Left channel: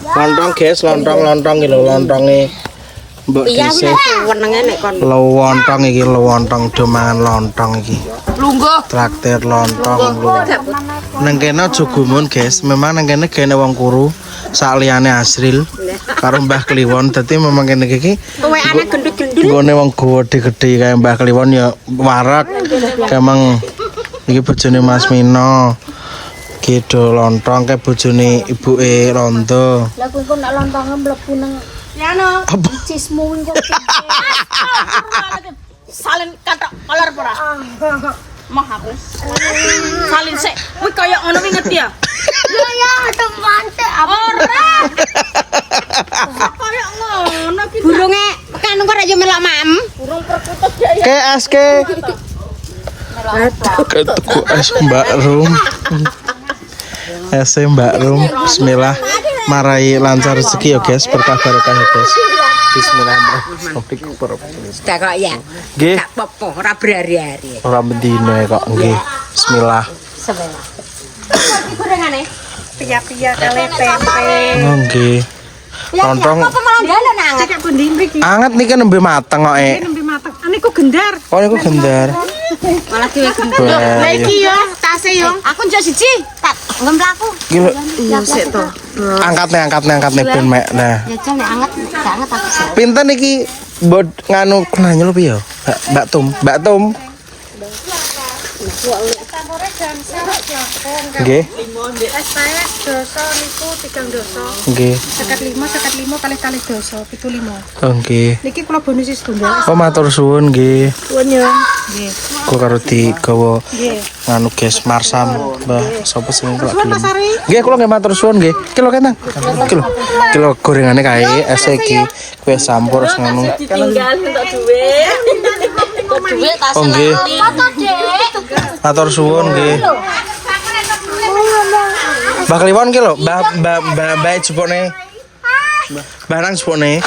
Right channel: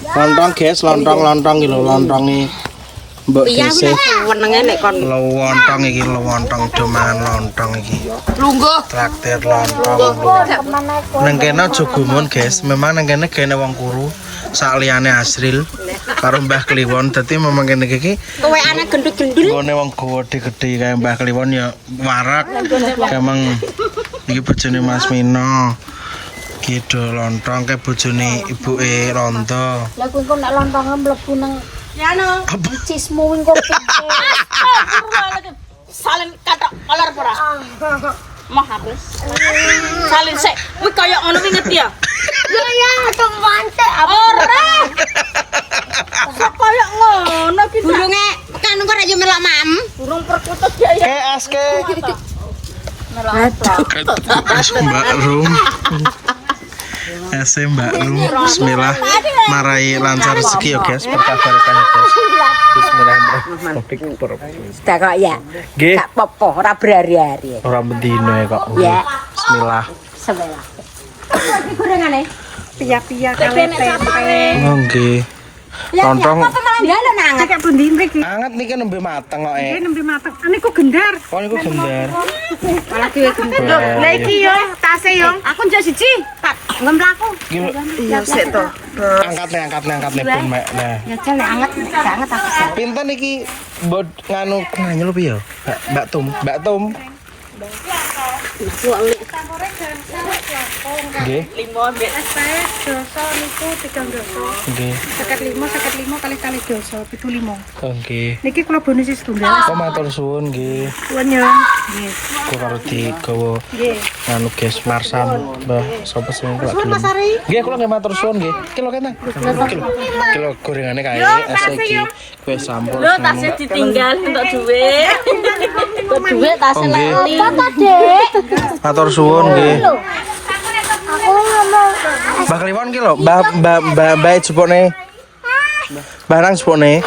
Lontong guys, lontong gitu, lontongnya mbok dhisik. Wenenge nek kon Lontong iki, lontong domangan lontong iki. lungguh. Traktir lontong. Nang kene aja gumun guys, memang nang kene gene wong kuru. Sak liyane Asril karo Mbah Kliwon, dadi memang kene iki Kowe anak gendut-gendul. nggone wong gede-gede kaya Mbah Kliwon ya warak. Emang iki bojone Mas Mino. Gitu lontong kayak bojone ibuke Rondo. Lah kok nek lontongnya mlebu nang Ya no. Apa? cismu kok. Salin kata kolor ora. Mah aku. Salin sik. Kuwi kaya ngono wingi ngerti ya? Ya temante Ora. Kaya ngono ki. Burunge kan kok ora yo melok mam. Burung perkutut ya. Ke aske. Es Mbak Rum. Es Mbak Rum. Bismillah. Marai lancar rezeki ya guys, berkah barokah ya guys. Bismillahirrahmanirrahim. Sudah kok ya. Nggih, Gak apa-apa, ora berhari-hari. ora bedino ya kok nggih. Bismillah. Bismillah. Gorengane. pia-pia kali tempe. Oh nggih. Lontong Dalan anget. Cek pundi mriki. anget nih kan nembe mateng kok. Nembe mateng. Niku gendar. Oh niku gendar. Malah dhewe gendut. Wah, Lah iki yo tase yo. Aku njak siji. Tak ngemplaku. gila. Iya sik to. Angkat nih ben mek. Nah. Ya jan anget, gak anget aku sih. Pinten iki mbok nganu nanya lho piye? Mbak Tum. Nggih. Es saya doso niku 3 doso. Nggih. 55 kali doso 75. Oh nggih. Niki kula bonus setunggal. Oh matur suwun nggih. Suwun yo. Nggih. Kula karo digawa Nggih. nganu guys Marsan. Mbah sapa sing kelak gelem. Nggih kula nggih matur suwun nggih. Kilo ketang. Kilo gorengane kae es iki kue sampur ngono. Ditinggal untuk duwe. Duwe tas Oh nggih. apa ta, Dek? Matur suwun nggih. Mbah Kliwon ki lho, Mbah jupone. Barang jupone.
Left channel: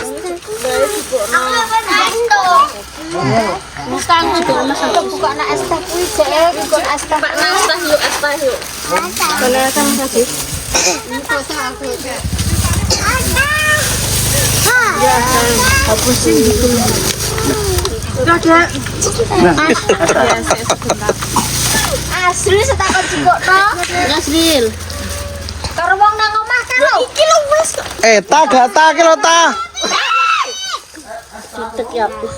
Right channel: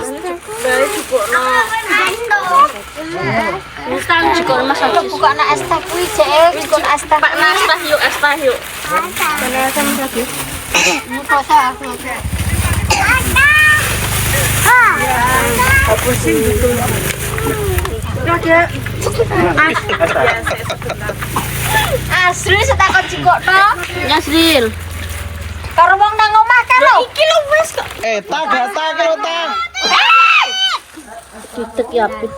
Utang juga Mas buka nak es teh kuwi jek, buka es teh. Pak Mas teh yuk, es teh yuk. Kan bagus. Apa sih gitu? Ya, Dek. Asril setakon jupuk to. Asril. Karo wong nang omah kan lho. Iki lho wis. Tak gak tak ki lho ta. Diteki ape?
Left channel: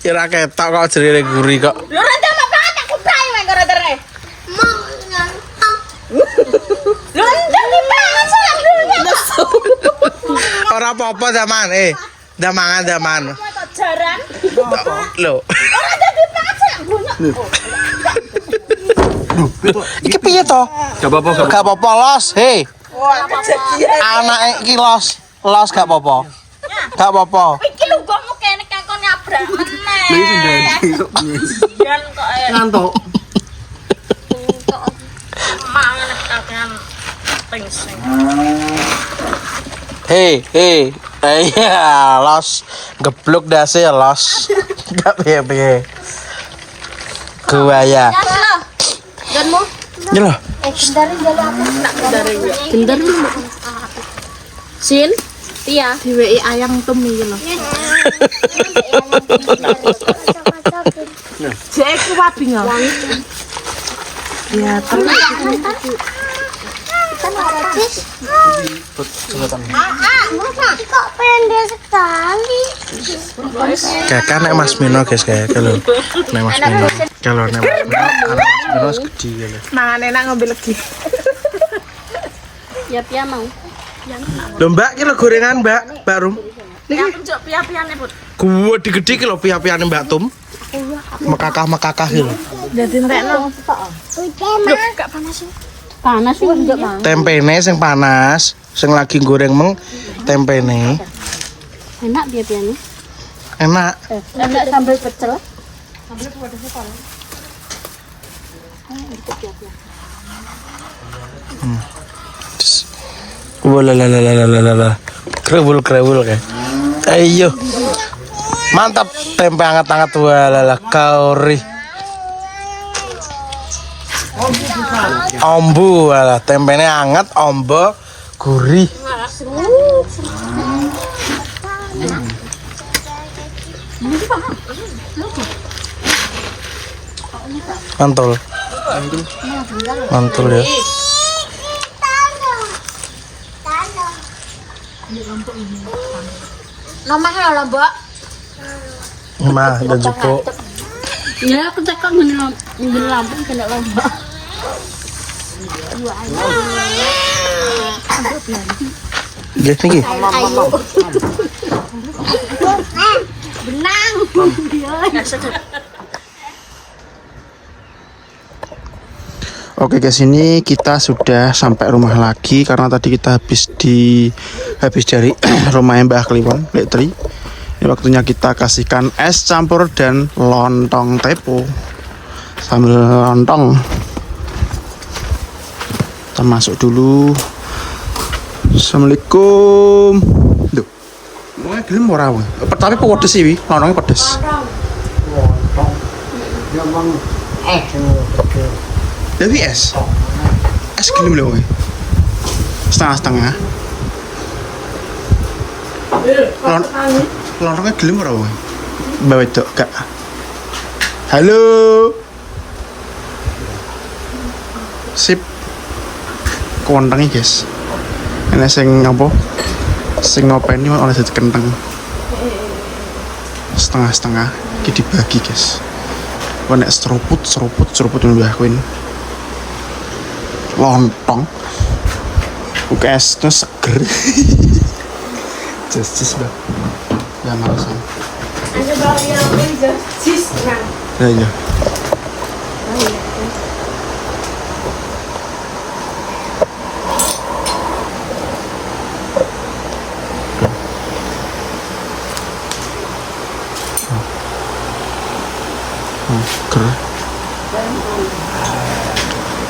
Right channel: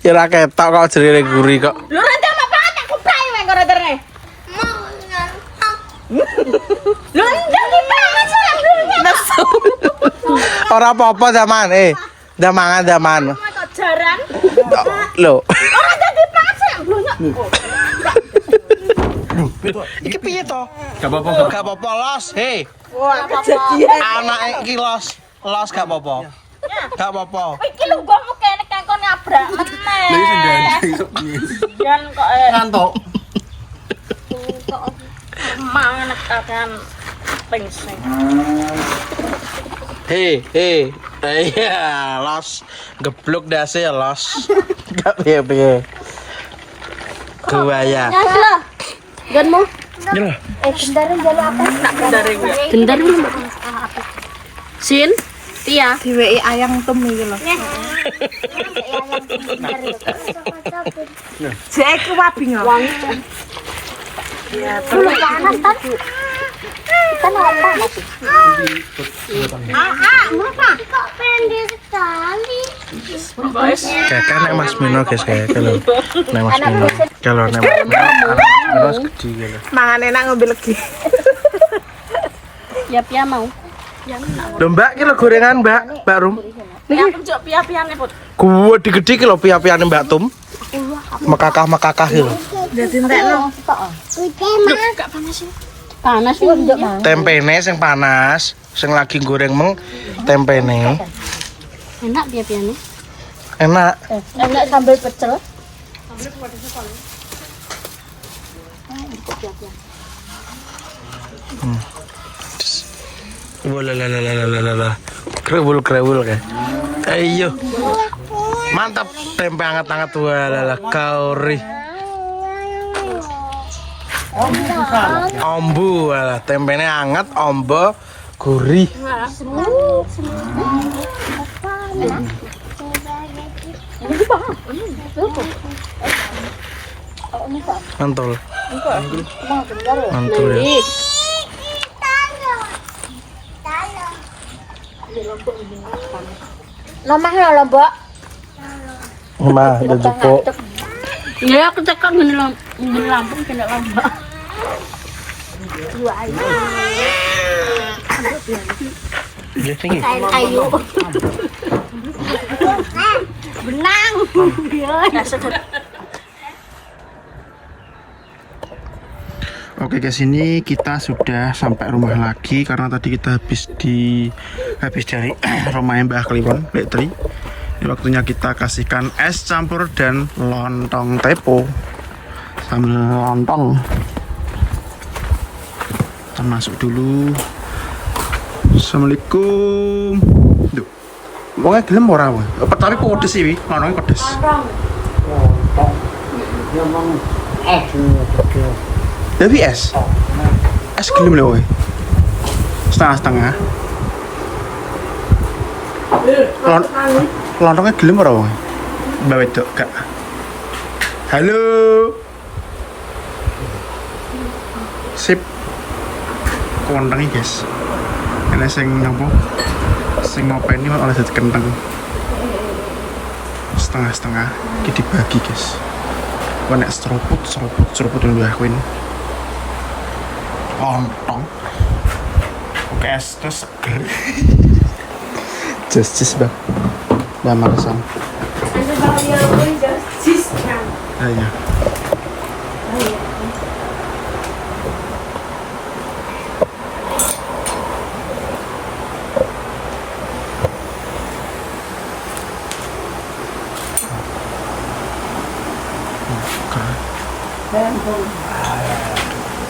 Kira ketok kok jerene guri kok. Lho ora ndek banget aku prae nang kono tere. Lho ndek iki banget sih. Ora apa-apa zaman zaman. Kok jarang. Lho. Ora dadi banget sih blonyok. Iki piye to? Gak apa-apa los, hei. Anak iki los gak apa-apa. Gak apa-apa. Iki lho gongmu kene kangkon nyabrak meneh. Lha iso dan kok Ngantuk. mangan tekan pengsen. Hei. Iya, los geblok dase ya los. Gak piye-piye. Kuaya. Nyas lho. Ganmu Ini lho. Gendarin jalo apa? gendar lho. Sin, Tia. Diweki ayang tum iki lho. Jek ku wabi yo. Ya, Kok pendek sekali. Kakak nek Mas Mino guys kayak lho. Nek Mas Mino. Kalau nek Mas Mino, anak Mas Mino wis gede lho. mangan enak ngombe legi. Ya Tia mau. Lho Mbak, ki lho gorengan Mbak Rum. Niki njok piye-piyane, Put. Gua digede ki lho piye-piyane Mbak Tum. Mekakah ki lho. Dadi entekno. Gak panas sih. Panas sih njok mau. Tempene sing panas, sing lagi goreng meng tempene. Enak piye-piyane. Enak. Enak sambal pecel. Walalalalalalala. Krewul kayak. Ayo. Mantap tempe hangat-hangat walala kauri. Ombu lah, tempenya anget, ombo, gurih. Mantul. Mantul ya. Nomahnya lah, Mbak. Mah, udah cukup. Ya, aku tekan ngene lampu kena lambak. Dua ayu. Jadi lagi. Kain ayu. Benang. Oke guys, ini kita sudah sampai rumah lagi karena tadi kita habis dari rumahnya Mbah Kliwon, Lek Tri. Ini waktunya kita kasihkan es campur dan lontong tepo sambil lontong. Kita masuk dulu. Assalamualaikum. Duh, mau gelem ora wae. Tapi pedes sih, wi. Lontongnya pedes. Tapi es gelem lho, setengah-setengah. Lontongnya gelem ora wae? Mbak wedok gak? Halo. Sip. Kontengnya guys. Ini sing apa? Sing ngopeni oleh dadi kenteng. Setengah-setengah iki dibagi guys. Kok nek seruput mbah Queen. Lontong UKS itu seger. Justice bang ya marusan ya ya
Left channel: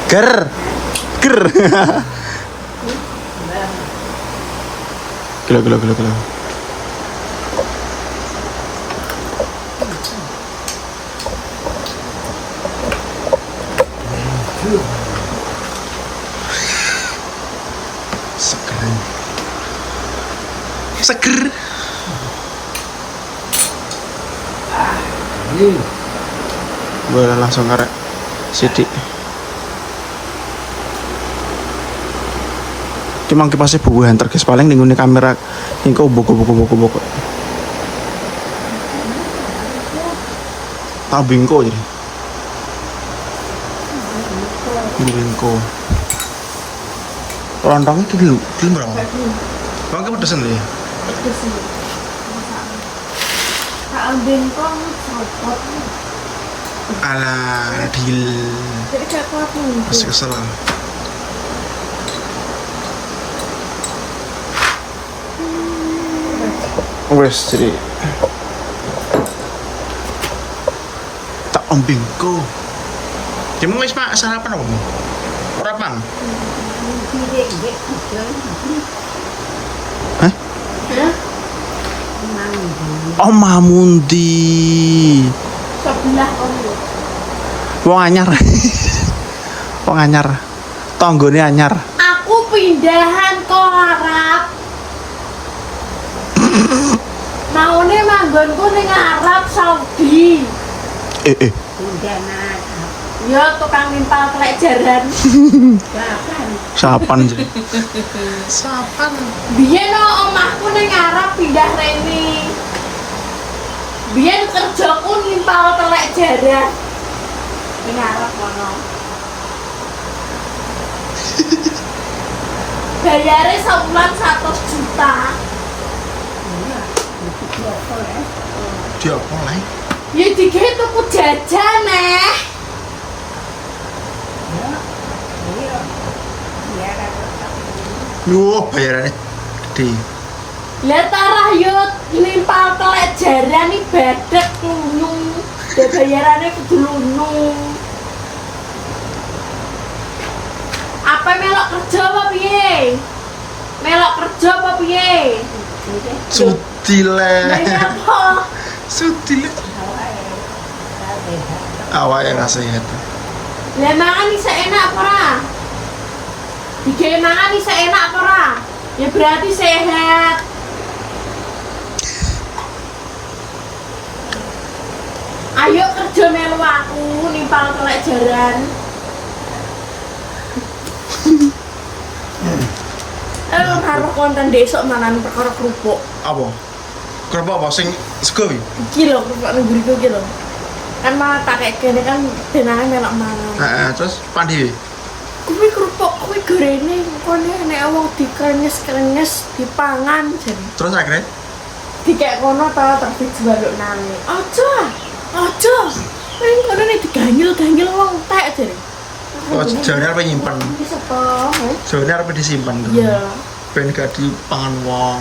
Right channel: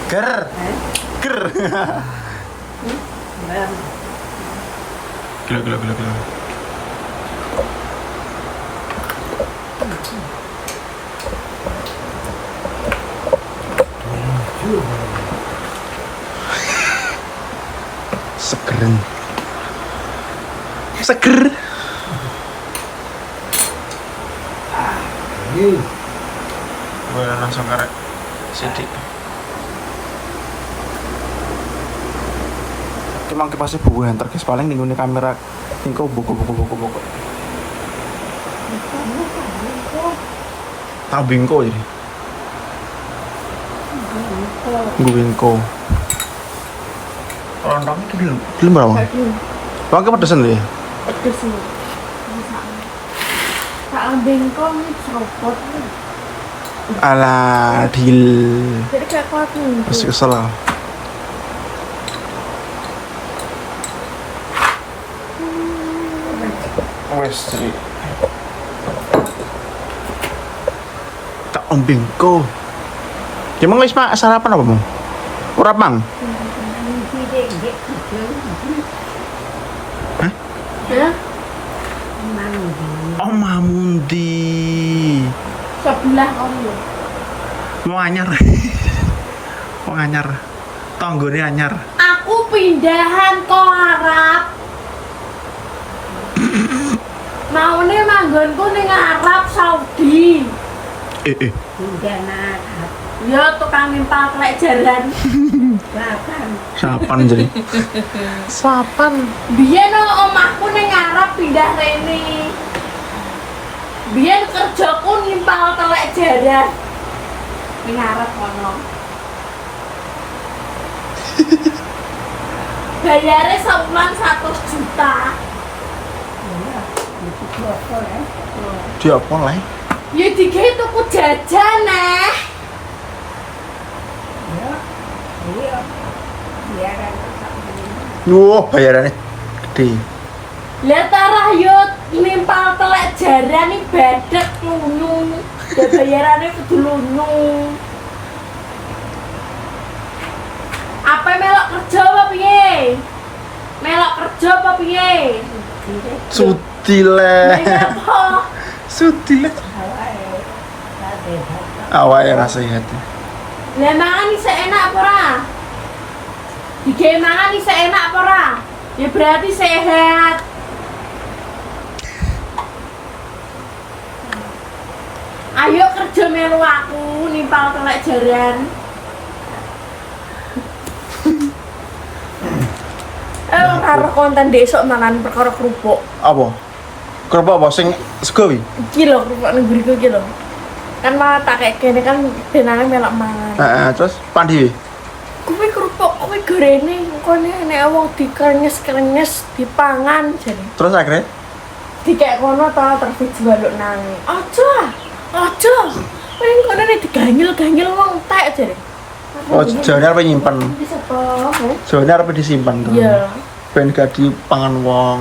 ger gila. Seger. Boleh langsung karek sidik. Kimang kipasnya buuhan terkes paling ning ngene kamera iki boko. Tabingko ini. Bingko. Lontongnya gelem berapa? Bang kepedesan ya? Pedes sih. Tak ambil kong seruput. Alah, deal. Jadi kayak kuat nih. Masih kesel lah. Wes jadi tak ombingko. Emang wis Pak sarapan apa, Bang? Ora pang. Hah? Oh, Mamundi. Sebelah kamu ya. Wong anyar. Wong anyar. Tanggone anyar. Aku pindahan ke Arab. Maune manggonku ning Arab Saudi. Pindahan Arab. Ya tukang nimpal telek jaran. Sapan jadi. Sapan. Biyen omahku ning Arab pindah rene. Biyen kerjaku nimpal telek jaran. Ning Arab kono. Bayare saulan 100 juta. Dia apa lah? Ya digawe tuku jajan neh. Wah, bayarannya gede. Lah tarah yo nimpal telek jaran iki badhek lunyu. Ya bayarane kudu lunyu. Apa melok kerja apa piye? Melok kerja apa piye? Suti le. Apa? Suti le. Awalnya rasa sehat. Lah mangan iki enak apa ora? Digawe mangan iki enak apa ora? Ya berarti sehat. Ayo kerja melu aku nimpal kelek jaran. Karo konten besok mangan perkara kerupuk. Apa? Kerupuk apa sing sego iki? Iki lho kerupuk nang ngriku iki lho. Kan malah tak kayak kene kan benane melok mangan. Heeh, terus pandi. Kuwi kerupuk kuwi gorene kene nek wong dikenyes-kenyes dipangan jare. Terus akhirnya Dikek kono ta terus dijualuk nang. Aja. Paling kono nek diganyel-ganyel wong tek jare. oh jane arep nyimpen. Iki sapa? Jane arep disimpan kan. Iya. Ben gak dipangan wong.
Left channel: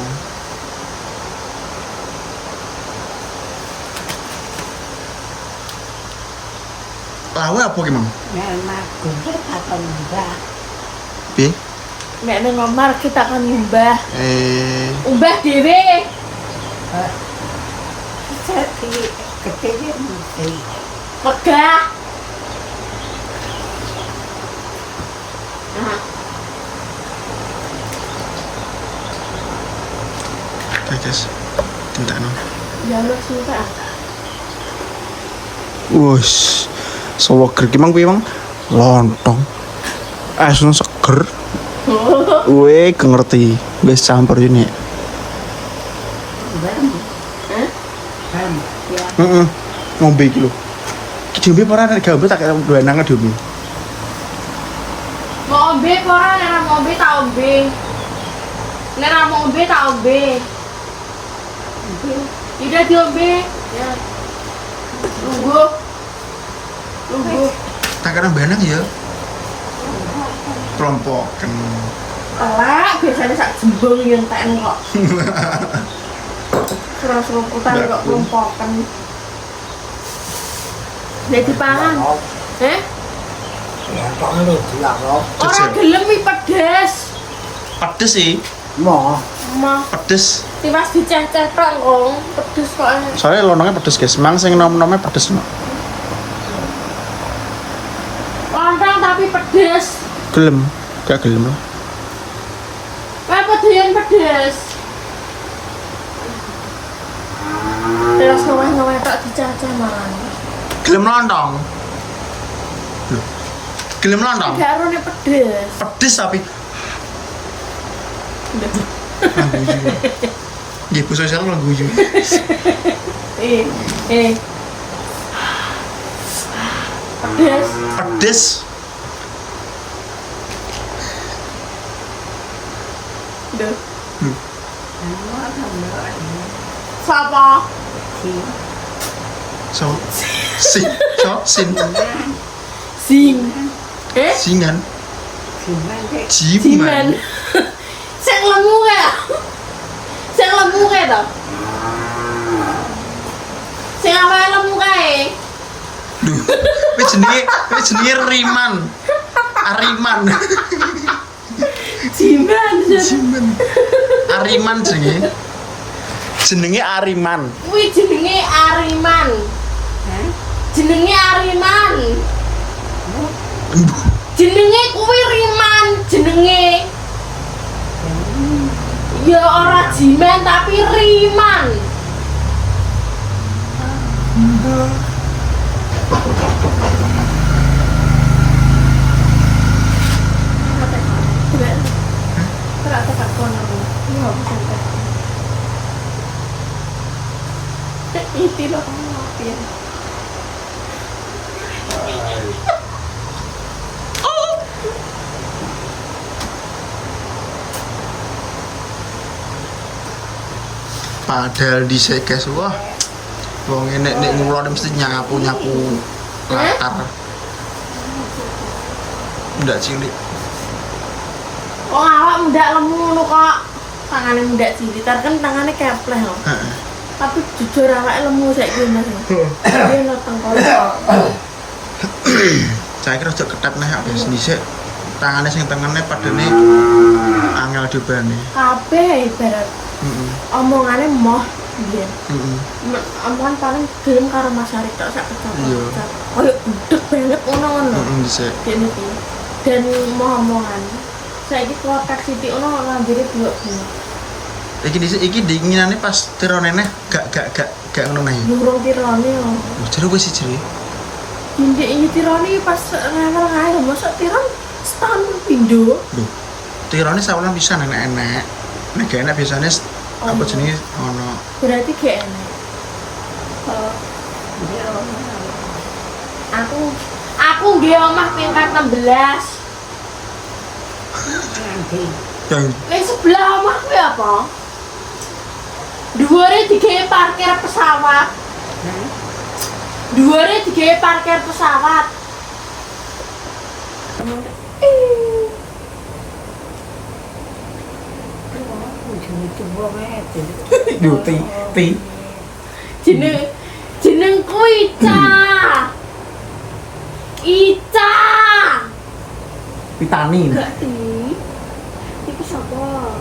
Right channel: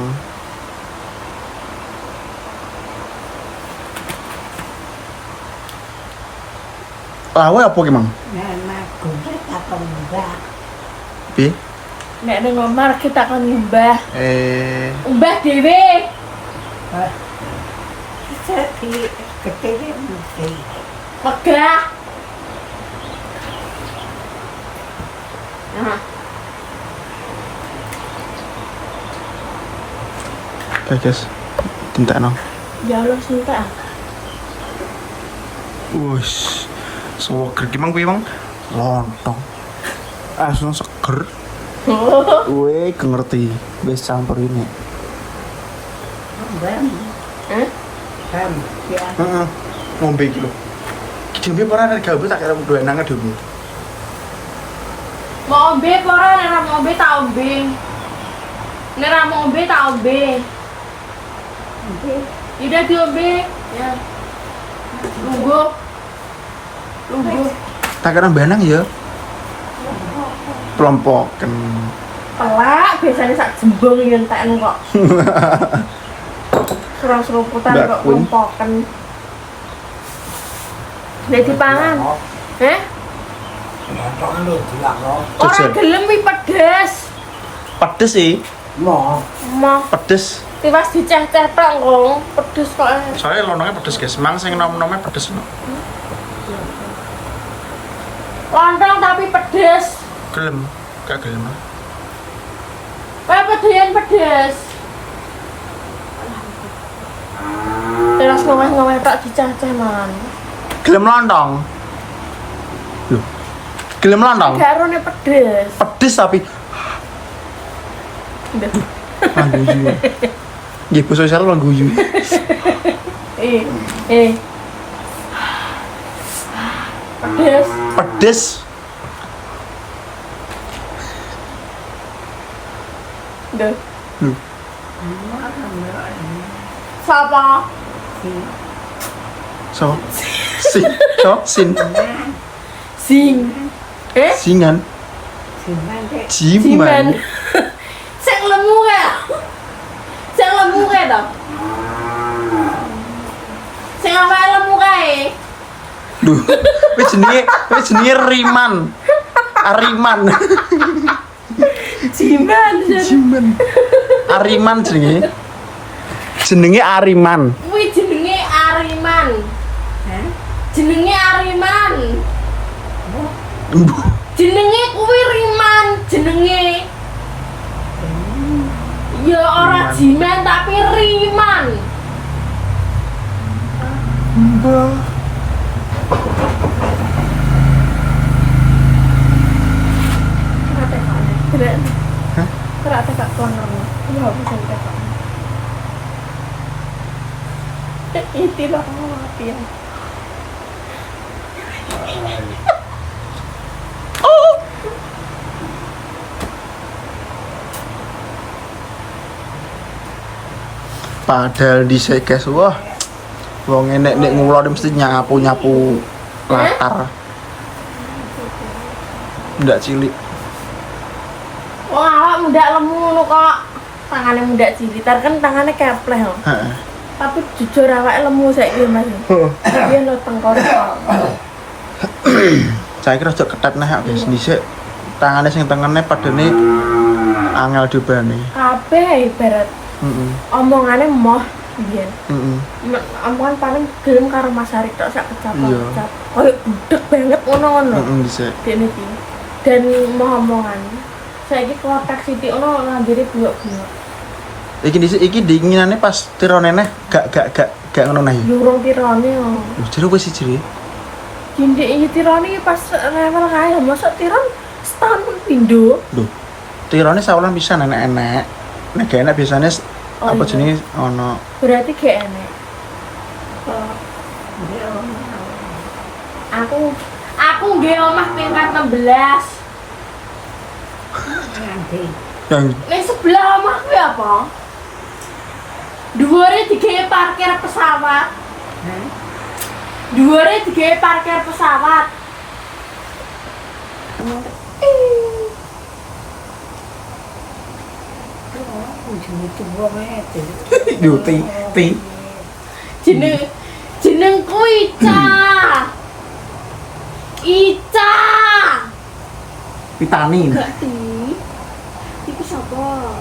Lawe apa ki, Mang? Ya magung takon mbak. Piye? Nek nang omah kita kan nyumbah. Umbah dhewe. Jadi gede mati. Megah. Nah, Guys, tintakno. ya lu sih tak. Wus. Seger ki, Mang, piye, Mang? Lontong. Asune seger. Weh, ngerti. Wis campur ini. Ngombe iki lho. Ki dhewe ora nek gambar tak kaya belanang dhewe. Mau ombe apa ora nek mau ombe tak ombe. Nek ra mau ombe tak ombe. Udah diombe. Ya. Lungguh. Tak kira belanang ya. Kelompoken. Telak biasanya sak jembung yang tak kok. Serang-serumputan kok kelompokan. Nek dipangan. Lontong lu gila kok. Ora gelem iki pedes. Pedes sih. Yo. Mah Pedes. tiwas diceh-ceh tok kok. Pedes kok. Soalnya lontongnya pedes, guys. Mang sing nom-nomnya pedes. Lontong tapi pedes. Gelem. Gak gelem. Apa yang pedes? Terus ngomong-ngomong tak dicacah man. Gelem lontong. Loh. Gelem lontong. Garone pedes. Pedes tapi guyu. Nggih basa sel guyu. Pedes. Pedes. Duh. Siapa? So. Sin. Sing. Singan. Gimana? Jiman. Sing lemu kae. Sing lemu kae to. Sing awake lemu kae. Duh. Wis jenenge Riman. Ariman. Jiman. Ariman jenenge. Jenenge Ariman. Kuwi jenenge Ariman. Jenenge Ariman. Jenenge kuwi Riman jenenge. Ya ora Jiman tapi Riman. Ternyata Kak Konernya. Ya bisa tekok. Itu loh mati ya. Padahal dhisik guys, wah. Wong nek ngulon mesti nyapu-nyapu latar. Ndak cilik. Oh, awak muda lemu ngono kok. Tangane muda cilik, kan tangane kepleh lho. Heeh. Tapi jujur awake lemu saiki Mas. Dia lo tengkorak. Saya kira aja ketat nih guys, dhisik tangane sing tengene padane angel diobani. Kabeh ibarat Heeh. omongane moh Iya. Heeh. Ampun paling gelem karo Mas Hari tok sak kecap. Iya. Koyo budek banget ngono-ngono. Heeh dhisik. Dene iki. Dan momongan. Saiki kotak Siti ono ngandiri bunga-bunga. Iki dinginane pas tirone neh gak ngono neh. Durung tirone yo. Lho jero wis siji. Jindek iki tirone pas level kae mosok tiron setahun pun pindho. Lho. Tirone sawulan pisan enek-enek. Nek gak enek biasanya Oh, apa iya. jenis ono. Berarti gak enek. Aku nggih omah tingkat 16. Yang Ning sebelah omahku ya apa? Dhuwure digawe parkir pesawat. Dhuwure digawe parkir pesawat. yo ti. Jenengku Ica. Pitani. Gak ti. Iki sapa?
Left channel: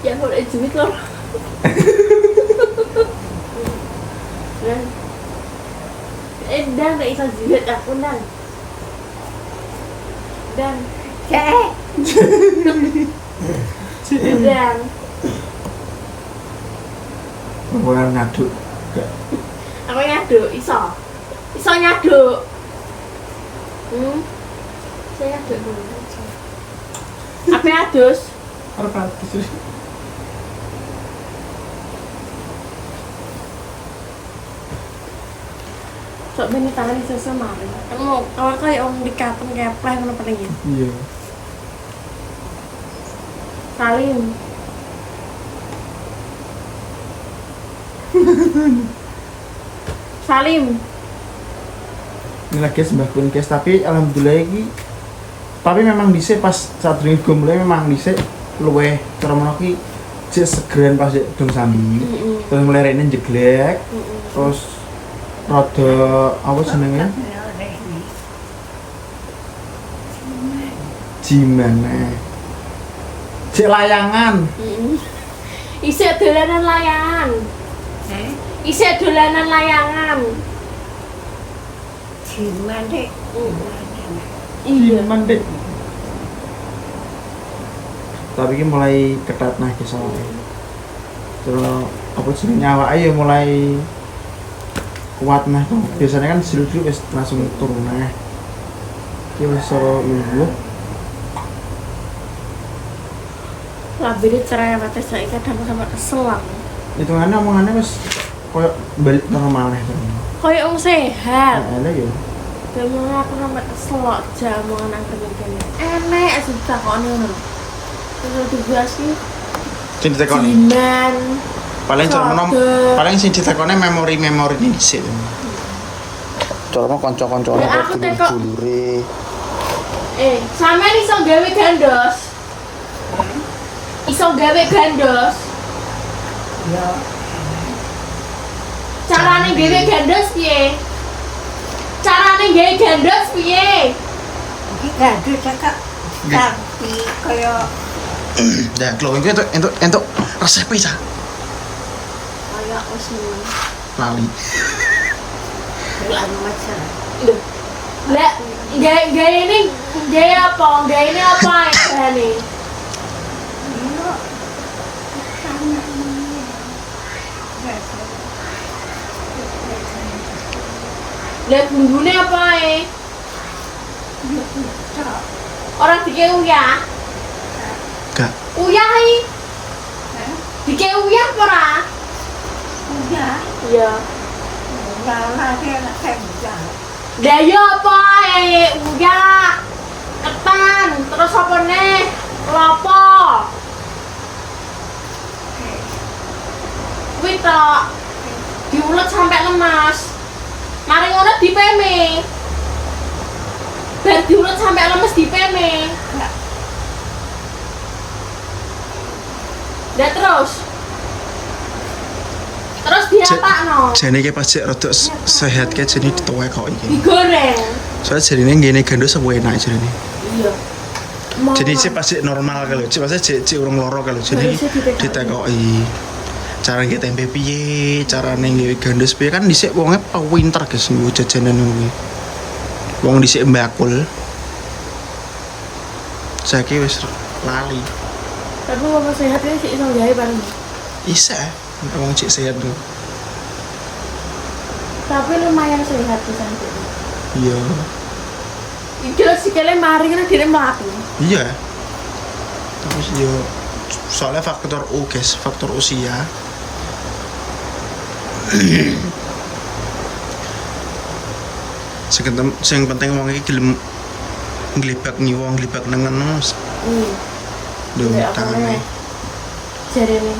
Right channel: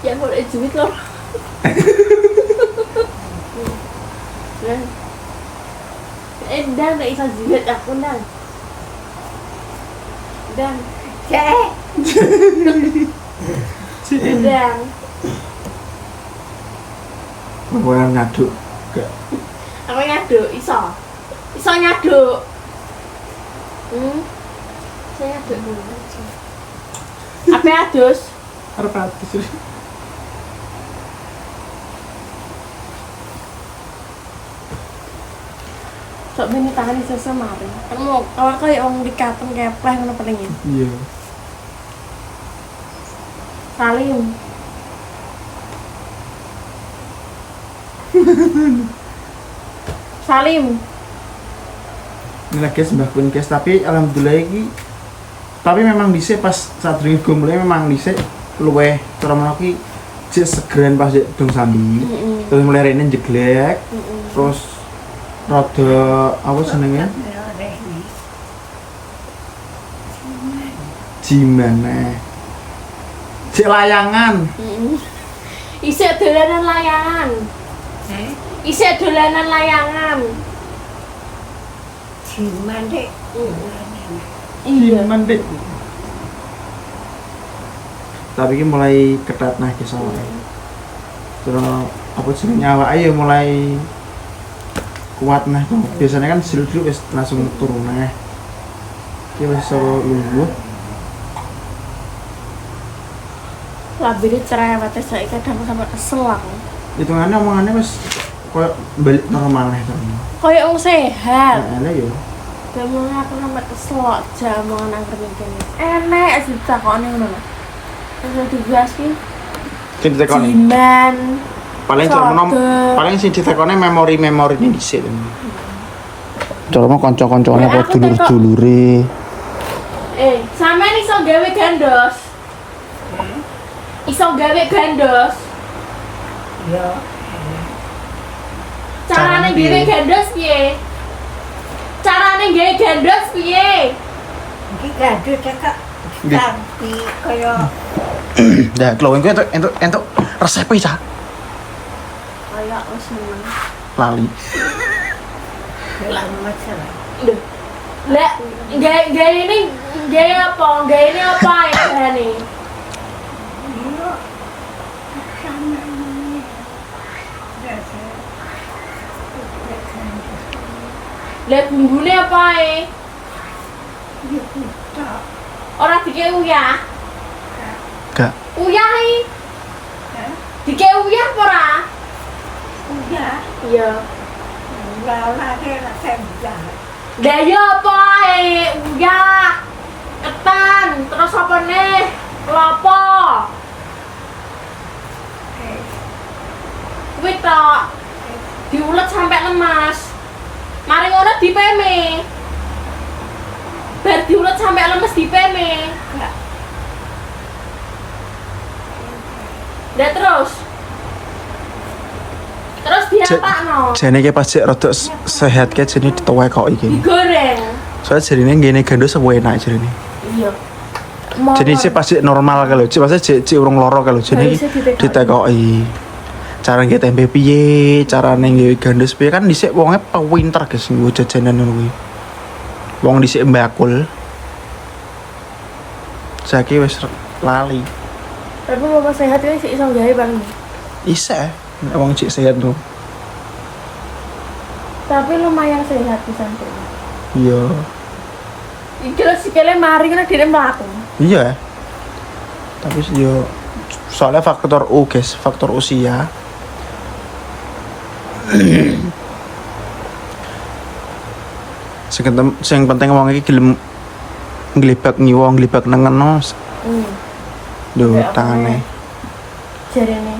Ya boleh duit loh. Dan gak bisa duit aku nang. Dan dan Bukan ngaduk. Gak. apa nyaduk iso nyaduk. Saya nyaduk dulu aja. Apa adus? Arep atus. Sok bini tangan iso semari. Kan mau awak kaya wong dikaten kepleh ngono paling ya. Iya. Salim. Salim. Ini lagi sembah pun guys, tapi alhamdulillah iki tapi memang dhisik pas saat drinking go mulai memang dhisik luweh cara menawa ki jek segeran pas jek dong sambi. Terus mulai rene jeglek. Terus rada apa jenenge? Gimana? Cek layangan. Isih dolanan layangan. Isih dolanan layangan. Iya. Gimana dek? Tapi ini mulai ketat nah ke sore. Terus apa jenenge awake ya mulai kuat nah tuh. Biasanya kan silu-silu wis langsung turun nah. Iki wis soro lungguh. Labire cerewet saiki kadang sampe kesel aku. Hitungannya omongannya wis koyo balik normal nih terus. Kayak wong sehat. Nah, ya. Demong aku sampe kesel jamu nang kerja kene. Enek sih takone ngono lho. Terus dibahas ki Sing ditekoni. Jinan. Paling cara menom Sode. paling sing ditekoni memori-memori ini dhisik. Cara kanca-kanca ono Ya, aku teko- dulur-dulure. Sampean iso gawe gandos. Iso gawe gandos. Iya. Carane gawe gandos piye? Carane gawe gandos piye? Iki gaduh cekak. Tapi kaya Nah, kalau itu entuk resep bisa Kaya wis meneng. lali. lemes lah. Lho. Lah, gawe ini gawe apa? Gawe ini apa ya bahane? Iya. Sama ini. Lah bumbune apa e? Tak. Ora dike uyah. Gak. Uyah iki. Dike uyah apa ora? Udah. Iya. Ora kena kerja. Lah ya apa e? Uyah. Ketan, terus apa nih? Kelapa. Kuwi tok. Diulet sampai lemas. Mari ngono dipeme. Bar diulet sampai lemes dipeme. Lah terus diapakno? Jane iki pas rada sehat ke jene dituwek kok iki. Digoreng. Soalnya jarine ngene gandus apa enak jarine. Iya. Jadi sih pasti normal kalau, maksudnya cek urung loro kalau jadi ditekoki. Cara nggih tempe piye, carane nggih gandus piye kan dhisik wonge pinter guys nggo jajanan ngono kuwi. Wong dhisik mbakul. Saiki wis lali. Tapi bapak sehat kan sih iso gawe paling. Isa, wong cek sehat tuh. Tapi lumayan sehat di sana. Iya. Iki lho sikile mari kan dhewe mlaku. Iya. Tapi yo soalnya faktor U guys, faktor usia. Sing penting wong iki gelem nglibak ngiwong, nglibak nengono. Lho tane. Jarene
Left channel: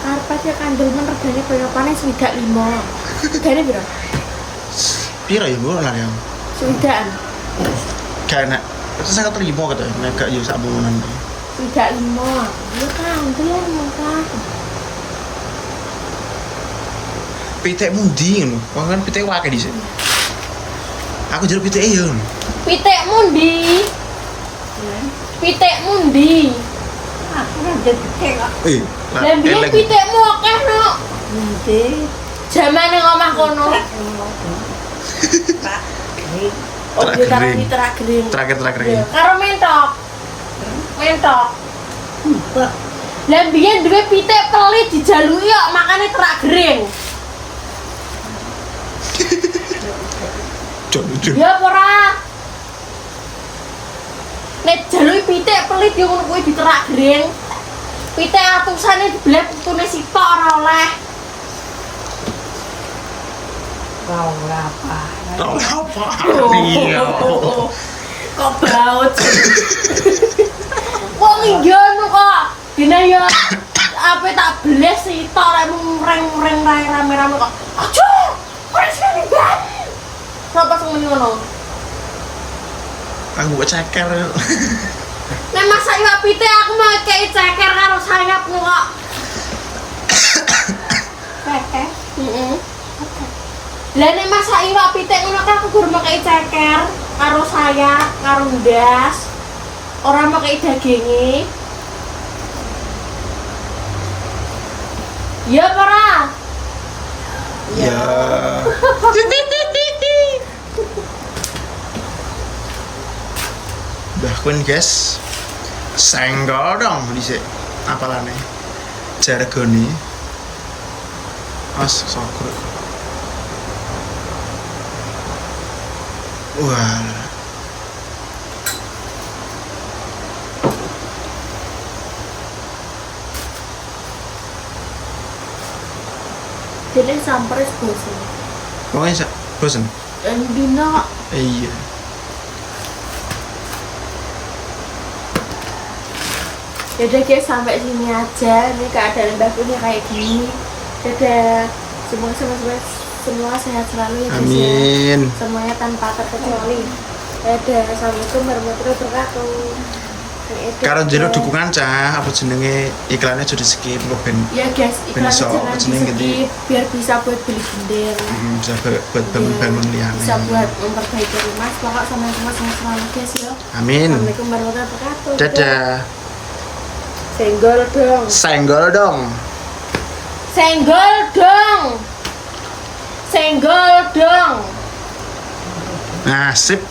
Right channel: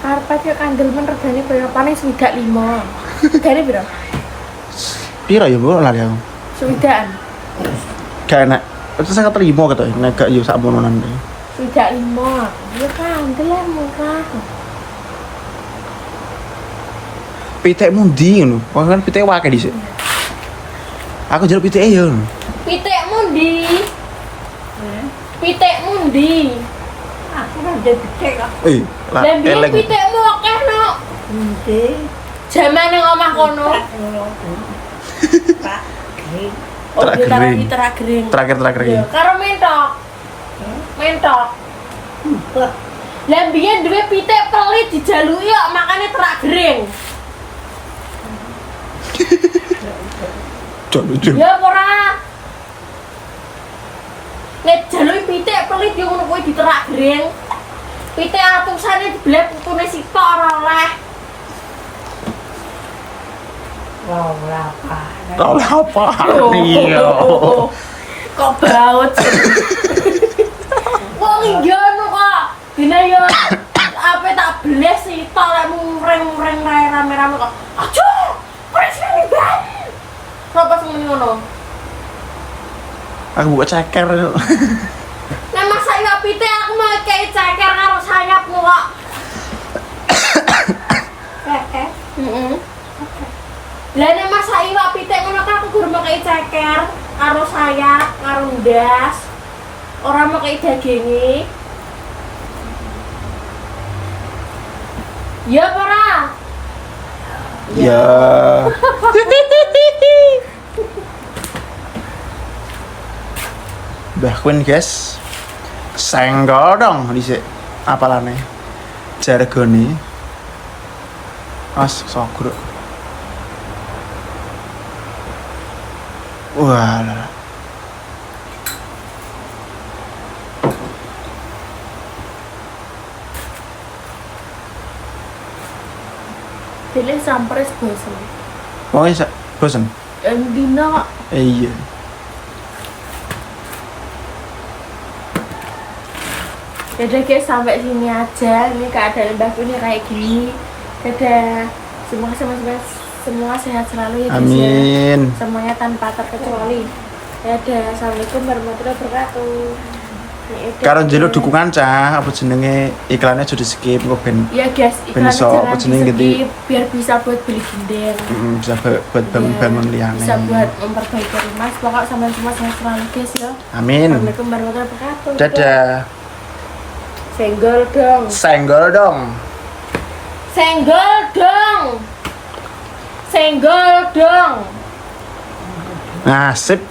karpet yo kandel men regane paling swidak 5. Regane piro? Piro ya, Bu? Lah ya. Swidakan. Gak enak. Itu saya terima kata, gak yo sak mononan itu. Swidak 5. Ya kandel ya murah. Pitek mundi ngono. Wong kan pitek wae dhisik. Aku njaluk pitek yo. Pitekmu ndi? Pitekmu ndi? Aku kan jadi pitek kok. Lah Lah biyen eleng. pitekmu akeh no. Nanti. Jamane ngomah kono. Pak. Ini. Oh, Terak dia taruh gering. di terak gering. Terakhir Iya, karo mentok. Mentok. Lah biyen duwe pitik pelit dijaluki kok makane terak gering. Cok lucu. Ya apa ora? Nek jaluki pitik pelit yo ngono kuwi diterak gering. Pitik atusane dibelah putune sitok ora oleh. Wow, apa? Kau apa? Iya. Kok baut. Wong ngono kok. Dina yo apa tak beles sitok lek mureng-mureng rame-rame kok. Aja. Presiden ban. Sapa sing muni ngono? Aku buka ceker. Nek masak iwak pitik aku mau kei ceker karo sayapmu kok. Pepe. Heeh. Lah nek masak iwak pitik ngono kan aku guru mau kei ceker karo sayap, karo ndas. Ora mau kei daginge. Ya apa ora? Ya. Mbah Queen guys. Senggol dong dhisik. Apalane? Jargone. As sogro. Wah. Dene sampres bosen. Pokoknya bosen. Dina Iya. Yaudah guys, sampai sini aja. Ini keadaan Mbak Puni kayak gini. Dadah. Semua sehat selalu ya guys ya. Amin. Semuanya tanpa terkecuali. Dadah. Assalamualaikum warahmatullahi wabarakatuh. Karo njaluk dukungan cah, apa jenenge iklannya sudah skip kok ben Ya guys, iklannya iso, jangan jenenge di skip biar bisa buat beli gender. bisa buat bangun-bangun liyane. Bisa buat memperbaiki rumah. Pokoknya sampai semua sehat selalu guys ya. Amin. Assalamualaikum warahmatullahi wabarakatuh. Dadah. Senggol dong. Senggol dong. Senggol dong. Senggol dong. Nah, sip.